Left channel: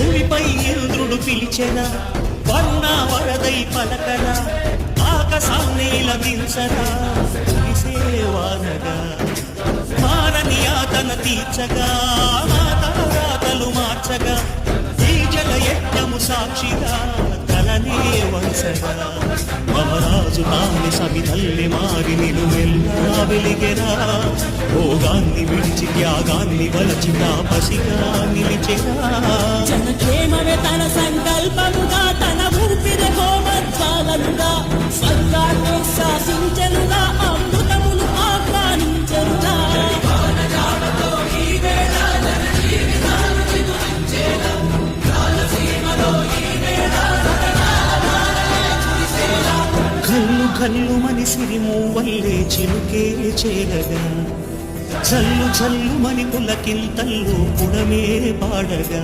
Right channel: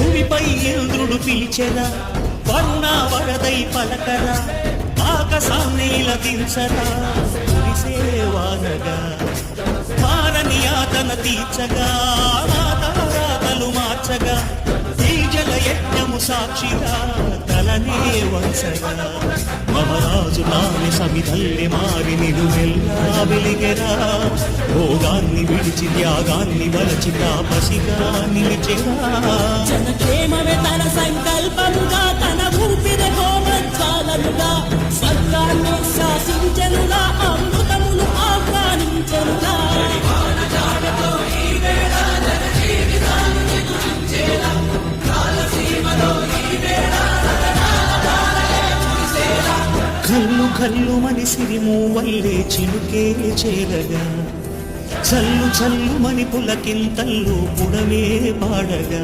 భూమిపై ఇంద్రుడు పిలిచెరా, వరుణ వరదై పలకరా, ఆకాశాన్ని ఇలా దించరా, కురిసేవానగా మారని యాతన తీర్చగా, మాతారాతలు మార్చగా, ఈ జల యజ్ఞము సాక్షిగా తలనే వంచగా, మహారాజు తాని సమిధల్లె మారి నిలువెల్లా వెలిగెరా, భోగాన్ని విడిచి త్యాగాన్ని వలచి తాపసిగా నిలిచెరా. జనక్షేమమే తన సంకల్పముగా, తన ఊపిరి హోమజ్వాలనుగా, స్వర్గాన్ని శాసించెనుగా, అమృతమును ఆహ్వానించెనుగా. కల్లు కల్లు మని సిరిము వల్లే చిలుకే చేరగా, చల్లు చల్లు మని పులకింతల్లు పుడమే పాడగా,